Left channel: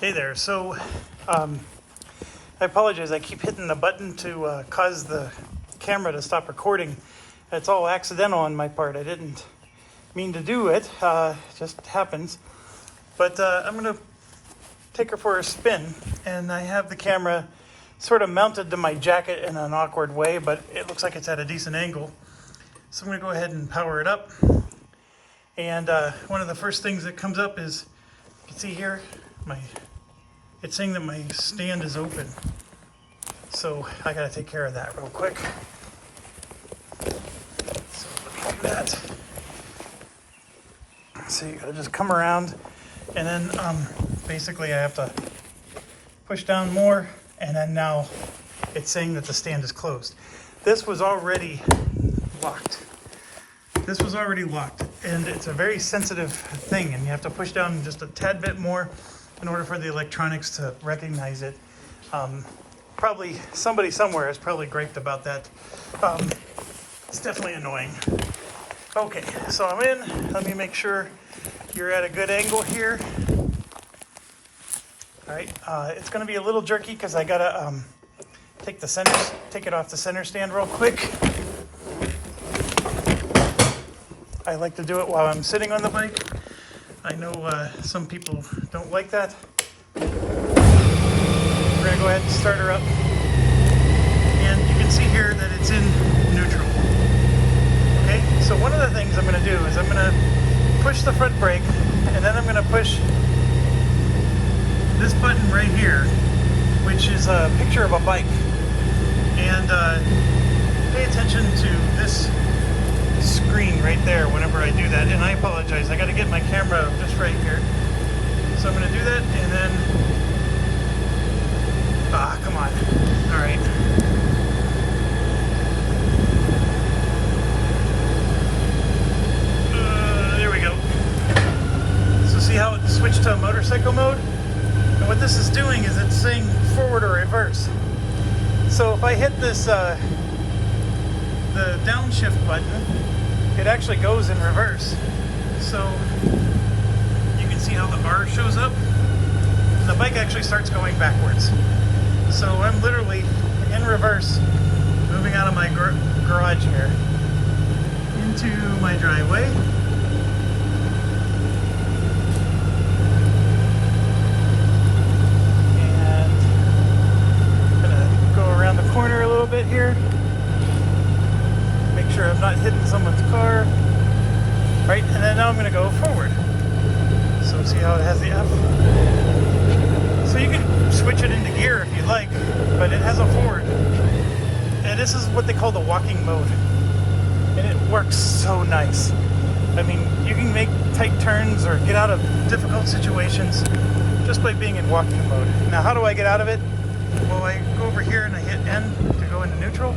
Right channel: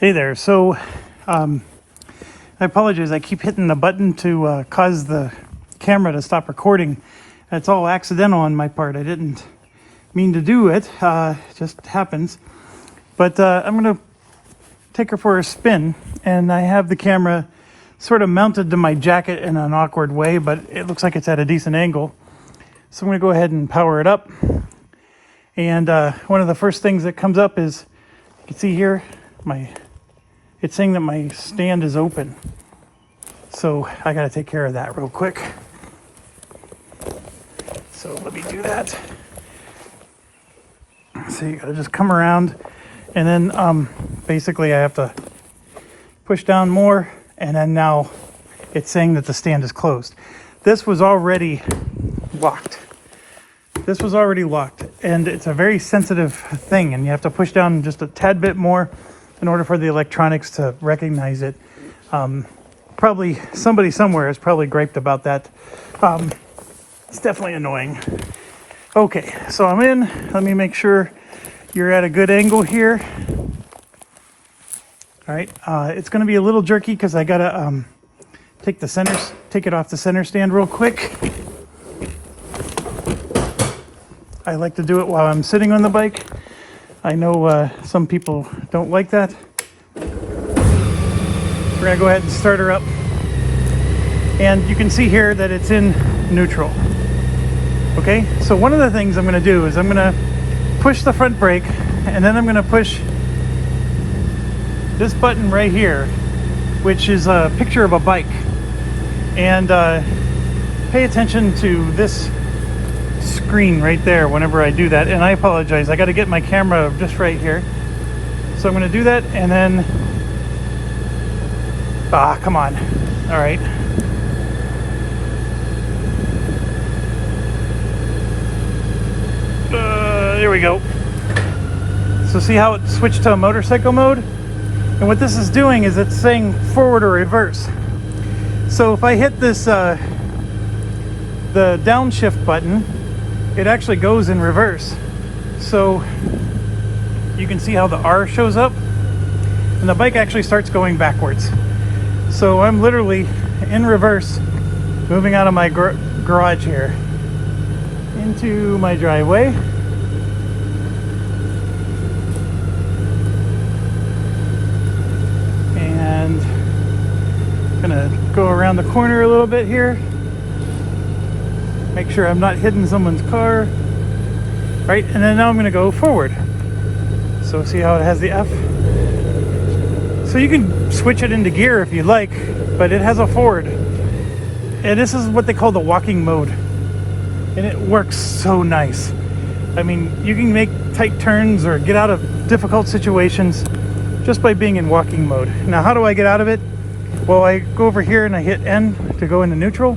Hey there. So I apologize. I keep hitting the button to cause the camera to stop recording. That's all accidental on my part. I didn't mean to do it. It just happens. But I'm going to take her for a spin. And I have the camera sort of mounted to my jacket in an awkward way, but it looks like it's at a decent angle. So I'm going to go ahead and power it up. And one of the first things that comes up is, you can see here, it's saying that my stand is open. So I got to take care of that real quick. So let me do that. So you got to just come around, and then basically I have to push down more, and then now it's saying that the stand is closed. This was already locked. And it's a very sensitive thing, and you have to push down just a tad bit more in order for the electronics to recognize it. Probably somebody somewhere has probably griped about that. It's definitely annoying. Okay, so I'm in. Let me make sure you're at a good angle here. All right, it's going to be a little jerky because I gotta take it off the center stand real quick. I like to do it while I'm sitting on the bike. I know some people don't like that. We're gonna go ahead and start her up. And you can see here that it's in neutral. Okay, so one of the things I'm gonna do is I'm gonna push the front brake, and then I'm gonna push this button right here, which is a picture of a bike. And pay attention to this screen right there whenever I do that. And I apologize, I got to get my camera just right here. So I'm going to do that, and then come on. All right, there we go. So see how it switched to motorcycle mode? And what this is doing is it's saying forward or reverse. So if I hit this the downshift button, it actually goes in reverse. So you can see how the R shows up, and the bike actually starts going backwards. So I'm literally in reverse, moving out of my garage here into my driveway. And I'm gonna go around the corner a little bit here. Make sure I'm not hitting someone's car. Right, and then now I'm gonna go forward. So see how it has the F? So you can switch it into gear if you like, but it has a forward. And this is what they call the walking mode. And it works so nice. I mean, you can make tight turns or get out of difficult situations just by being in walking mode. Now, how do I get out of it? Well, I go over here and I hit N to go into neutral.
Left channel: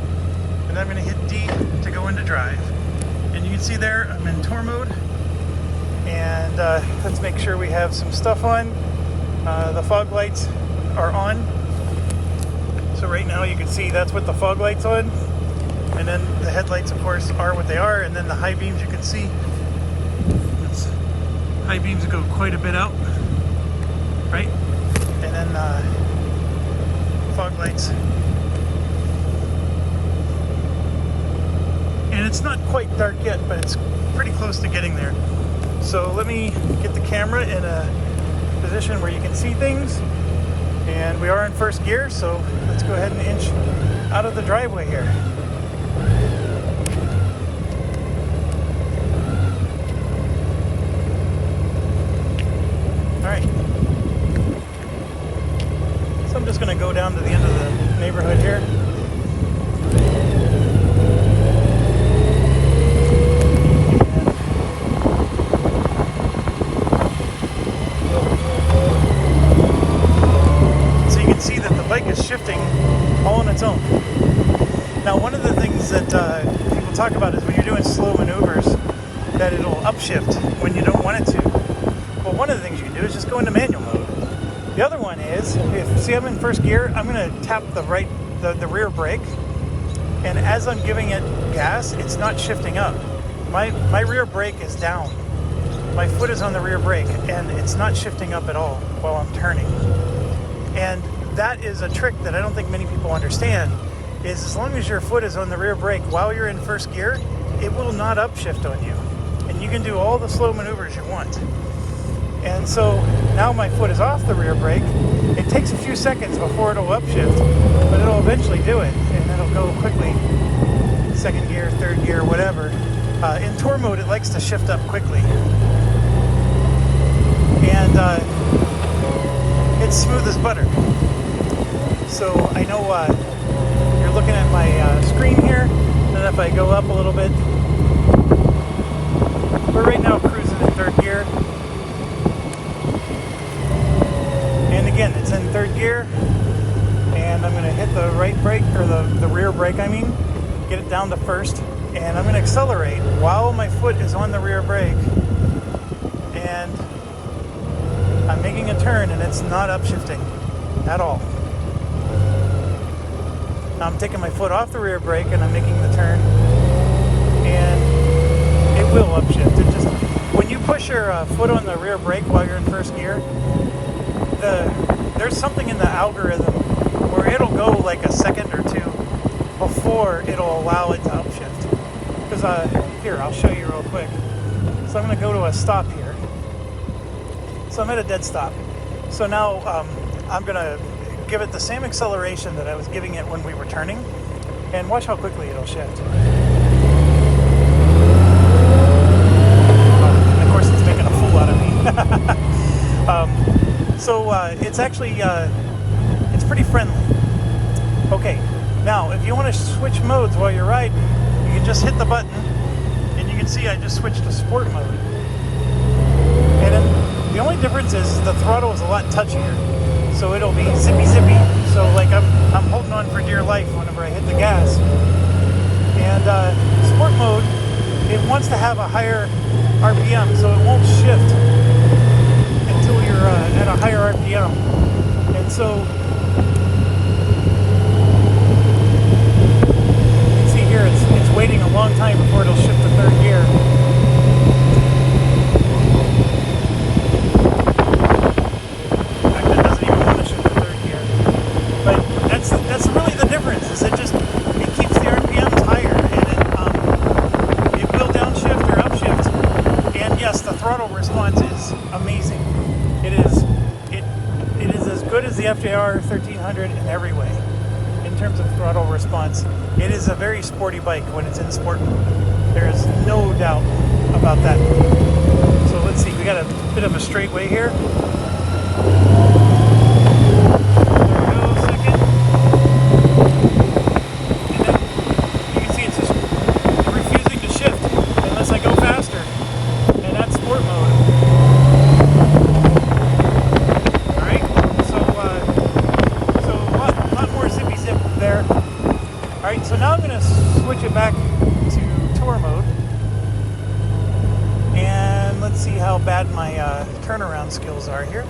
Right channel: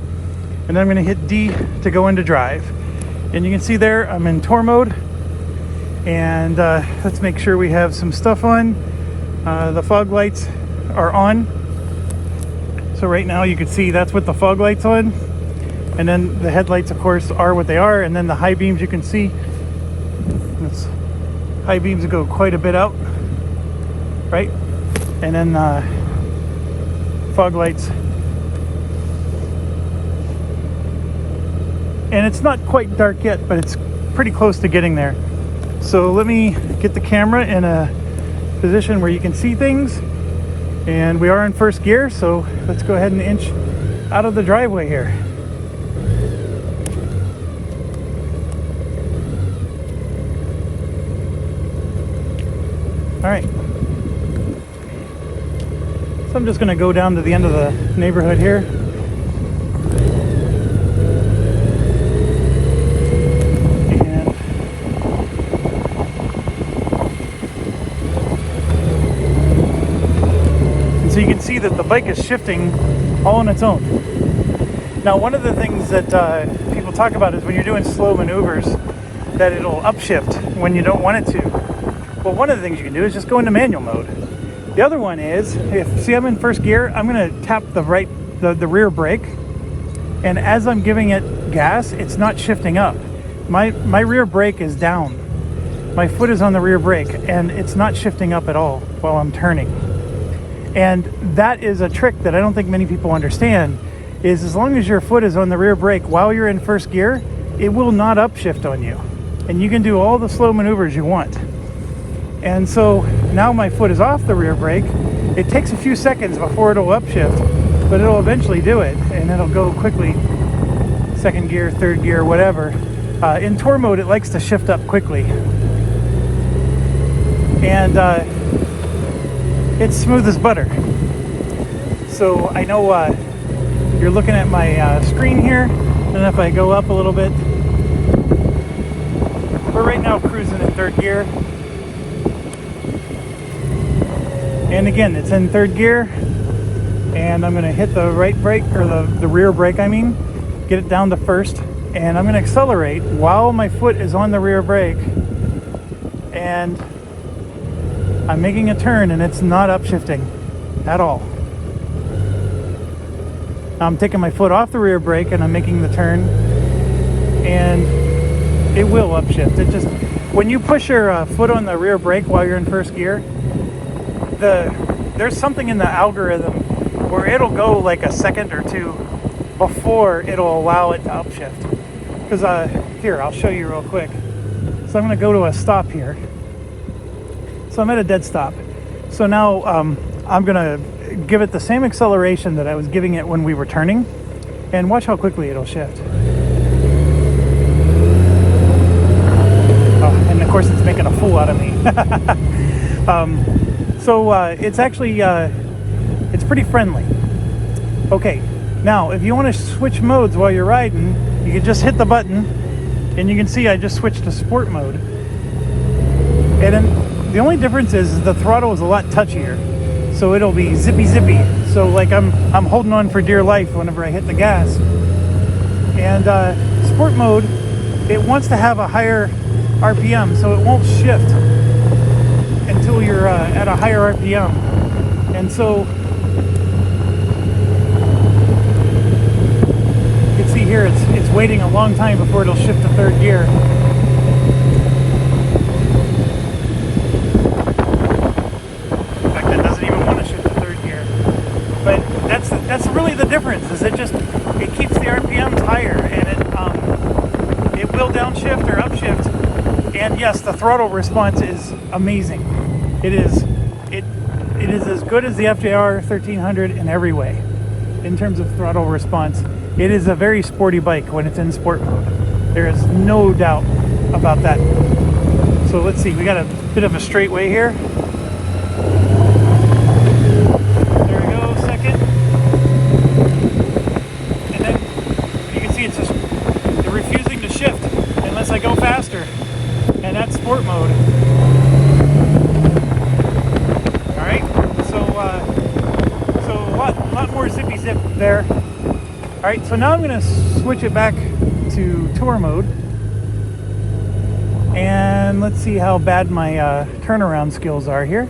And then I'm going to hit D to go into drive. And you can see there, I'm in tour mode. And let's make sure we have some stuff on. The fog lights are on. So right now you can see that's with the fog lights on. And then the headlights, of course, are what they are. And then the high beams you can see. High beams go quite a bit out. Right? And then fog lights. And it's not quite dark yet, but it's pretty close to getting there. So let me get the camera in a position where you can see things. And we are in first gear, so let's go ahead and inch out of the driveway here. All right. So I'm just gonna go down to the end of the neighborhood here. Is shifting all on its own. Now, one of the things that people talk about is when you're doing slow maneuvers, that it'll upshift when you don't want it to. But one of the things you can do is just go into manual mode. The other one is, see, I'm in first gear, I'm going to tap the rear brake, and as I'm giving it gas, it's not shifting up. My rear brake is down. my foot is on the rear brake and it's not shifting up at all while I'm turning. And that is a trick that I don't think many people understand, is as long as your foot is on the rear brake while you're in first gear, it will not upshift on you. And you can do all the slow maneuvers you want. And so now my foot is off the rear brake. It takes a few seconds before it'll upshift, but it'll eventually do it, and it'll go quickly. Second gear, third gear, whatever. In tour mode, it likes to shift up quickly. And it's smooth as butter. So I know you're looking at my screen here, and if I go up a little bit, we're right now cruising in third gear. And again, it's in third gear, and I'm going to hit the right brake, or the rear brake I mean, get it down to first, and I'm going to accelerate while my foot is on the rear brake, and I'm making a turn and it's not upshifting at all. I'm taking my foot off the rear brake and I'm making the turn, and it will upshift. It just, when you push your foot on the rear brake while you're in first gear, there's something in the algorithm where it'll go like a second or two before it'll allow it to upshift. Because here, I'll show you real quick. So I'm going to go to a stop here. So I'm at a dead stop. So now I'm going to give it the same acceleration that I was giving it when we were turning, and watch how quickly it'll shift. And of course, it's making a fool out of me. So it's actually, it's pretty friendly. Okay, now if you want to switch modes while you're riding, you can just hit the button, and you can see I just switched to sport mode. And then the only difference is the throttle is a lot touchier, so it'll be zippy zippy. So like I'm holding on for dear life whenever I hit the gas. And sport mode, it wants to have a higher RPM, so it won't shift until you're at a higher RPM. And so you can see here it's waiting a long time before it'll shift to third gear. In fact, it doesn't even want to shift to third gear. But that's really the difference, is it keeps the RPMs higher, and it will downshift or upshift. And yes, the throttle response is amazing. It is as good as the FJR 1300 in every way in terms of throttle response. It is a very sporty bike when it's in sport mode. There is no doubt about that. So let's see, we got a bit of a straightaway here. There we go, second. And then you can see it's just refusing to shift unless I go faster. And that's sport mode. Alright, so a lot more zippy zip there. Alright, so now I'm going to switch it back to tour mode. And let's see how bad my turnaround skills are here.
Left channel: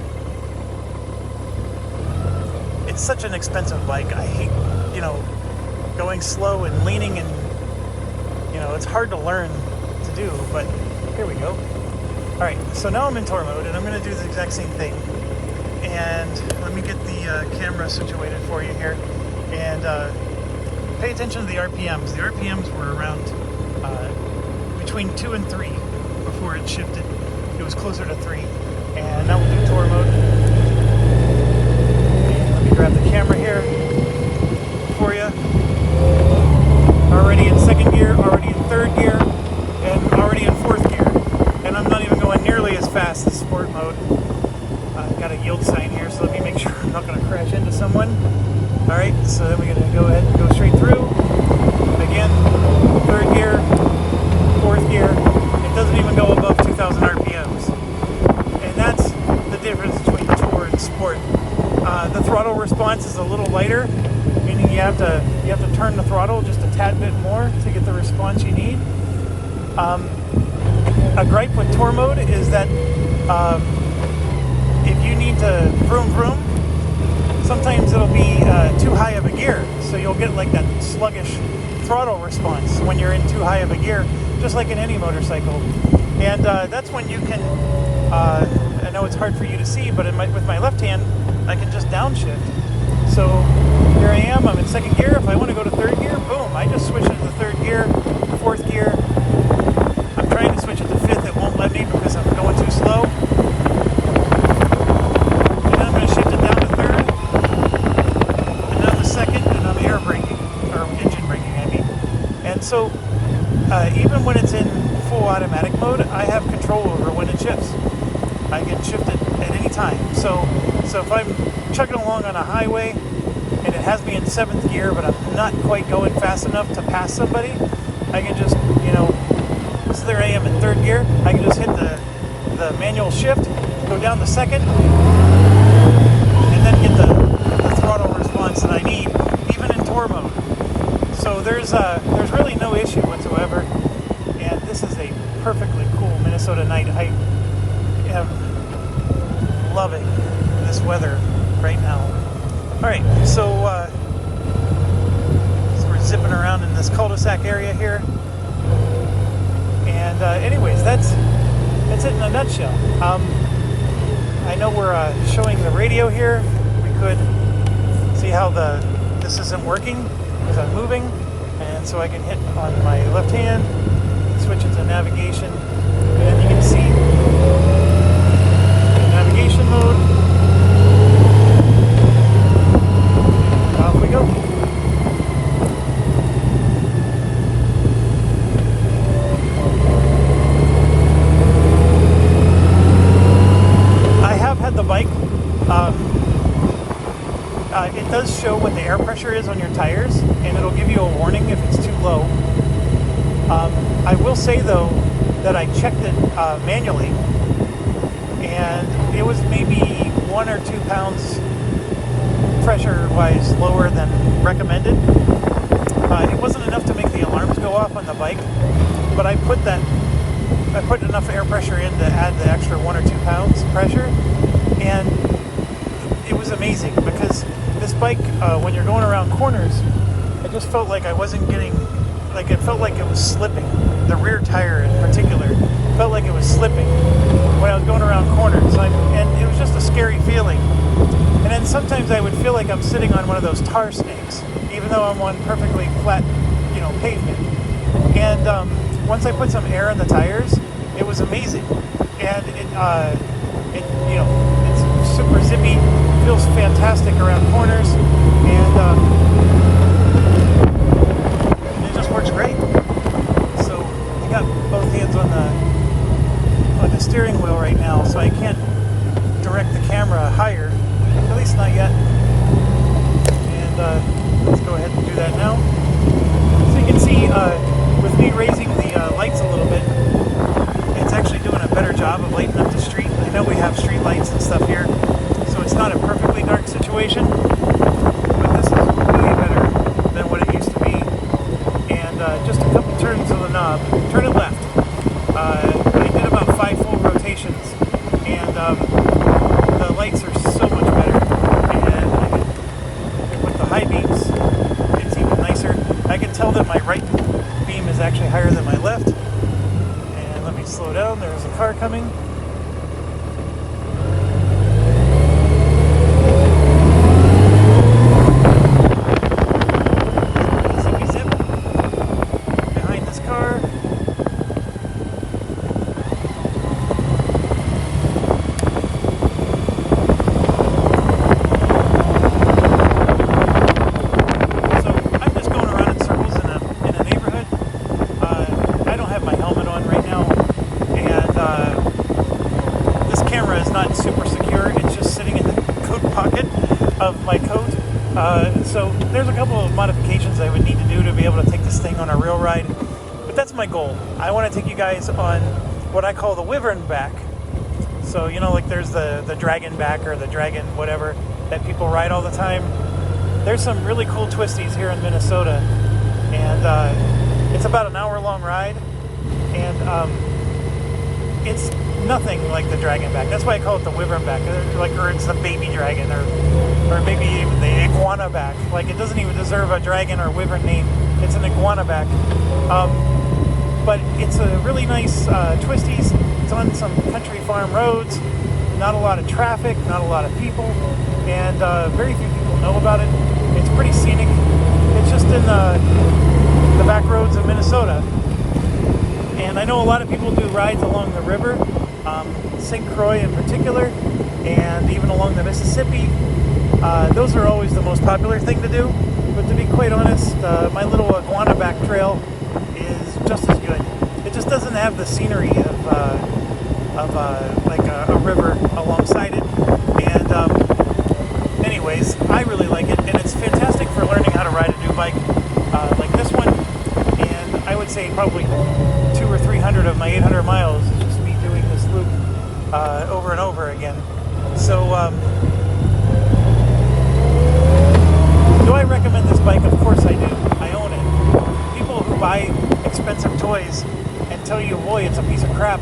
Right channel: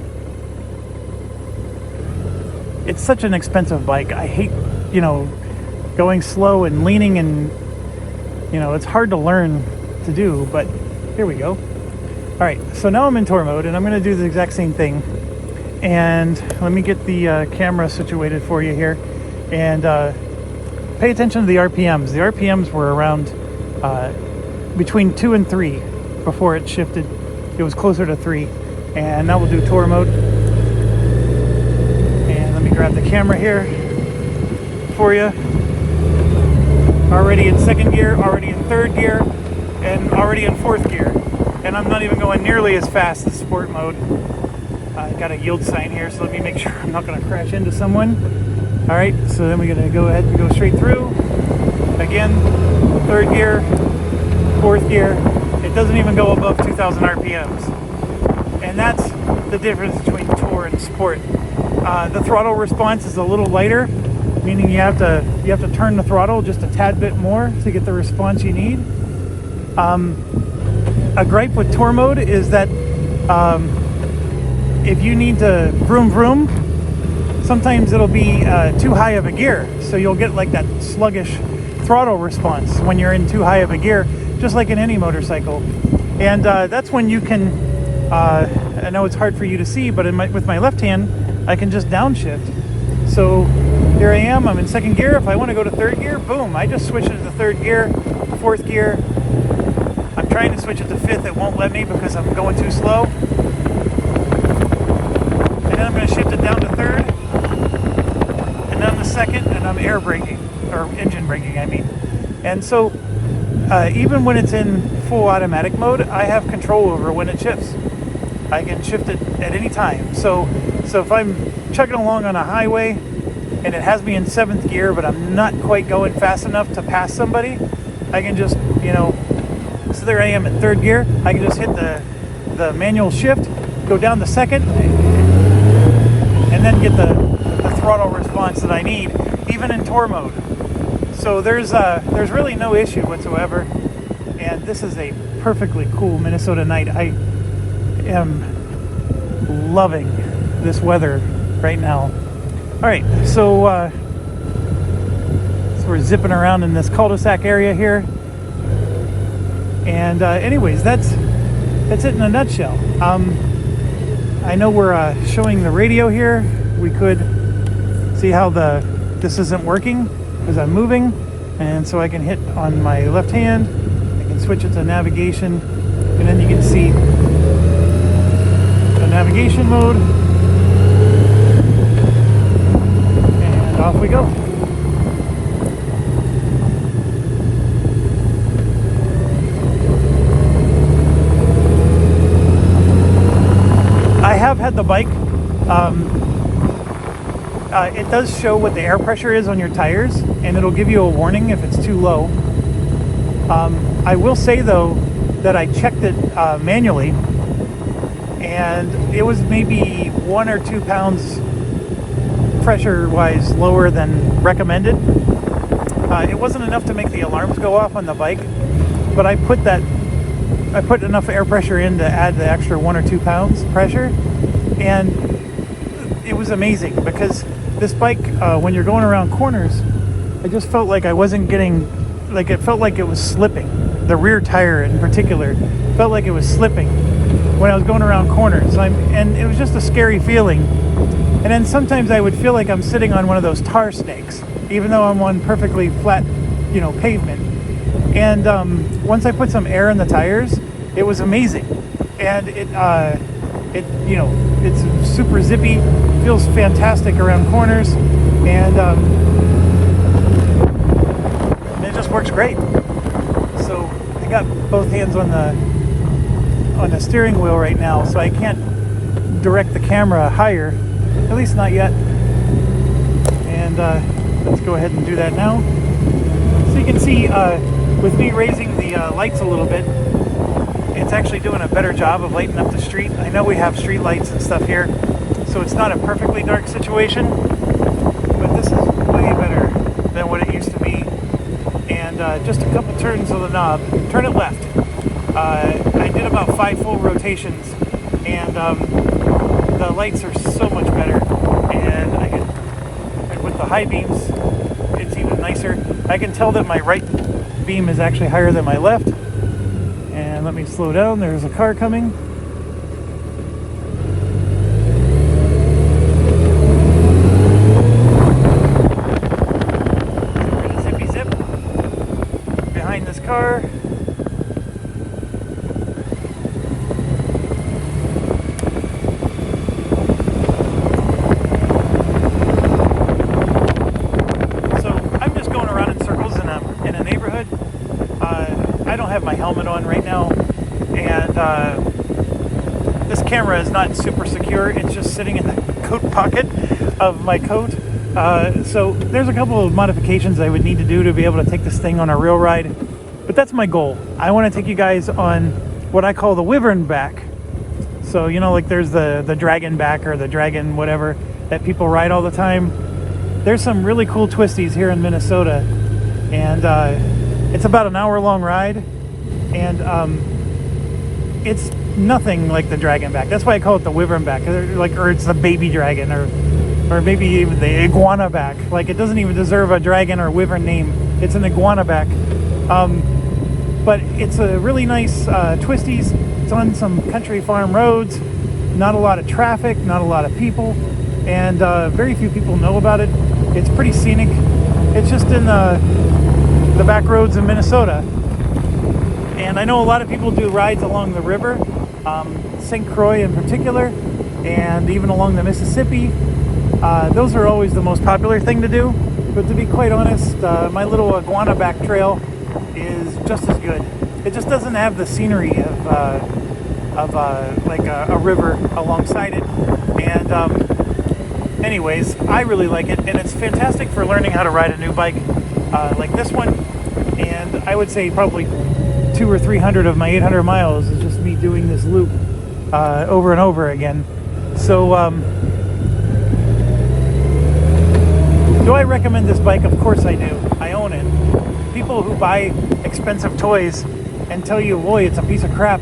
It's such an expensive bike. I hate, going slow and leaning, and, it's hard to learn to do, but here we go. Alright, so now I'm in tour mode, and I'm going to do the exact same thing. And let me get the camera situated for you here. And pay attention to the RPMs. The RPMs were around between 2 and 3 before it shifted. It was closer to 3. And now we'll do tour mode. And let me grab the camera here for you. Already in second gear, already in third gear, and already in fourth gear. And I'm not even going nearly as fast as sport mode. I've got a yield sign here, so let me make sure I'm not going to crash into someone. Alright, so then we're going to go ahead and go straight through. Again, third gear, fourth gear. It doesn't even go above 2,000 RPMs. And that's the difference between tour and sport. The throttle response is a little lighter, meaning you have to turn the throttle just a tad bit more to get the response you need. A gripe with tour mode is that if you need to vroom vroom, sometimes it'll be too high of a gear, so you'll get like that sluggish throttle response when you're in too high of a gear, just like in any motorcycle. And that's when you can, I know it's hard for you to see, but with my left hand, I can just downshift. So here I am, I'm in second gear. If I want to go to third gear, boom, I just switch it to third gear, fourth gear. I'm trying to switch it to fifth, it won't let me because I'm going too slow. And then I'm going to shift it down to third, and down to second, and I'm air braking, or engine braking, I mean. And so, even when it's in full automatic mode, I have control over when it shifts. I can shift it at any time. So if I'm chugging along on a highway and it has me in seventh gear, but I'm not quite going fast enough to pass somebody, I can just, so there I am in third gear. I can just hit the manual shift, go down to second, and then get the throttle response that I need, even in tour mode. So there's really no issue whatsoever. And this is a perfectly cool Minnesota night. I am loving this weather right now. All right, so we're zipping around in this cul-de-sac area here. And anyways, that's it in a nutshell. I know we're showing the radio here. We could see how this isn't working because I'm moving, and so I can hit on my left hand, switch it to navigation, and then you can see the navigation mode. And off we go. I have had the bike. It does show what the air pressure is on your tires, and it'll give you a warning if it's too low. I will say though that I checked it manually, and it was maybe 1 or 2 pounds pressure-wise lower than recommended. It wasn't enough to make the alarms go off on the bike, but I put enough air pressure in to add the extra 1 or 2 pounds pressure, and it was amazing because this bike, when you're going around corners, I just felt like I wasn't getting, like it felt like it was slipping. The rear tire in particular felt like it was slipping when I was going around corners, and it was just a scary feeling. And then sometimes I would feel like I'm sitting on one of those tar snakes, even though I'm on perfectly flat, pavement. And once I put some air in the tires, it was amazing. And it's super zippy, feels fantastic around corners, and it just works great. So I got both hands on the steering wheel right now, so I can't direct the camera higher, at least not yet. And let's go ahead and do that now. So you can see with me raising the lights a little bit, it's actually doing a better job of lighting up the street. I know we have street lights and stuff here, so it's not a perfectly dark situation, but this is way better than what it used to be. And just a couple turns on the knob, turn it left. I did about 5 full rotations, and the lights are so much better. And with the high beams, it's even nicer. I can tell that my right beam is actually higher than my left. And let me slow down, there's a car coming. So there's a couple of modifications I would need to do to be able to take this thing on a real ride, but that's my goal. I want to take you guys on what I call the Wyvern back. So like there's the dragon back or the dragon whatever that people ride all the time. There's some really cool twisties here in Minnesota, and it's about an hour-long ride, and it's nothing like the dragon back. That's why I call it the Wyvern back, or it's the baby dragon, or or maybe even the iguana back. Like, it doesn't even deserve a dragon or wyvern name. It's an iguana back. But it's a really nice twisties. It's on some country farm roads. Not a lot of traffic, not a lot of people, and very few people know about it. It's pretty scenic. It's just in the back roads in Minnesota. And I know a lot of people do rides along the river, St. Croix in particular, and even along the Mississippi. Those are always the most popular thing to do. But to be quite honest, my little iguana back trail is just as good. It just doesn't have the scenery of like a river alongside it. And anyways, I really like it, and it's fantastic for learning how to ride a new bike like this one. And I would say probably 200 or 300 of my 800 miles is just me doing this loop over and over again. So do I recommend this bike? Of course I do. I own it. People who buy expensive toys and tell you, boy, it's a piece of crap.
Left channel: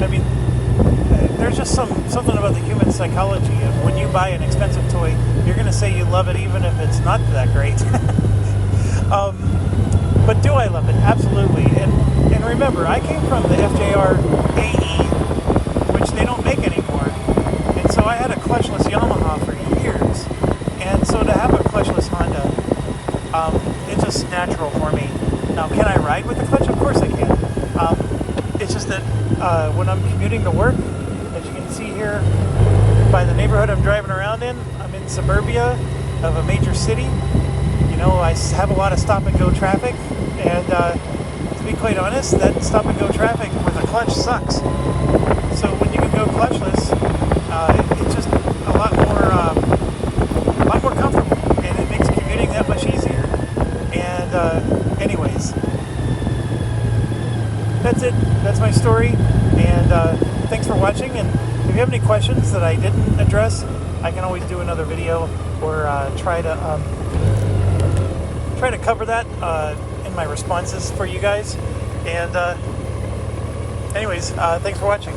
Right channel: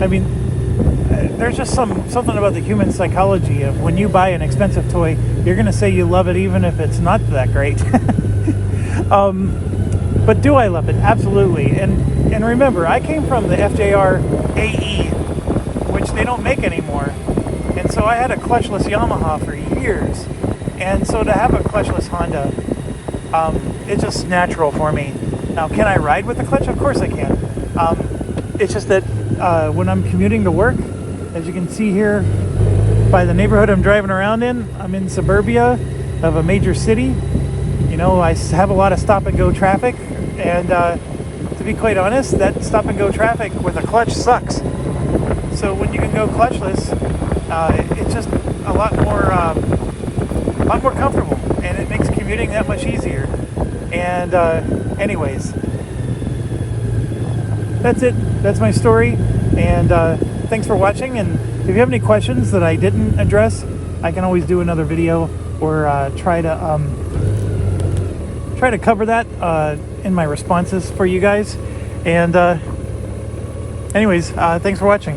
I mean, there's just something about the human psychology of when you buy an expensive toy, you're going to say you love it even if it's not that great. But do I love it? Absolutely. And remember, I came from the FJR AE, which they don't make anymore. And so I had a clutchless Yamaha for years. And so to have a clutchless Honda, it's just natural for me. Can I ride with the clutch? Of course I can. It's just that when I'm commuting to work, as you can see here by the neighborhood I'm driving around in, I'm in suburbia of a major city. You know, I have a lot of stop and go traffic, and to be quite honest, that stop and go traffic with a clutch sucks. So when you can go clutchless, it's just a lot more comfortable, and it makes commuting that much easier. And anyways, that's it. That's my story, and thanks for watching. And if you have any questions that I didn't address, I can always do another video or try to cover that in my responses for you guys. And anyways, thanks for watching.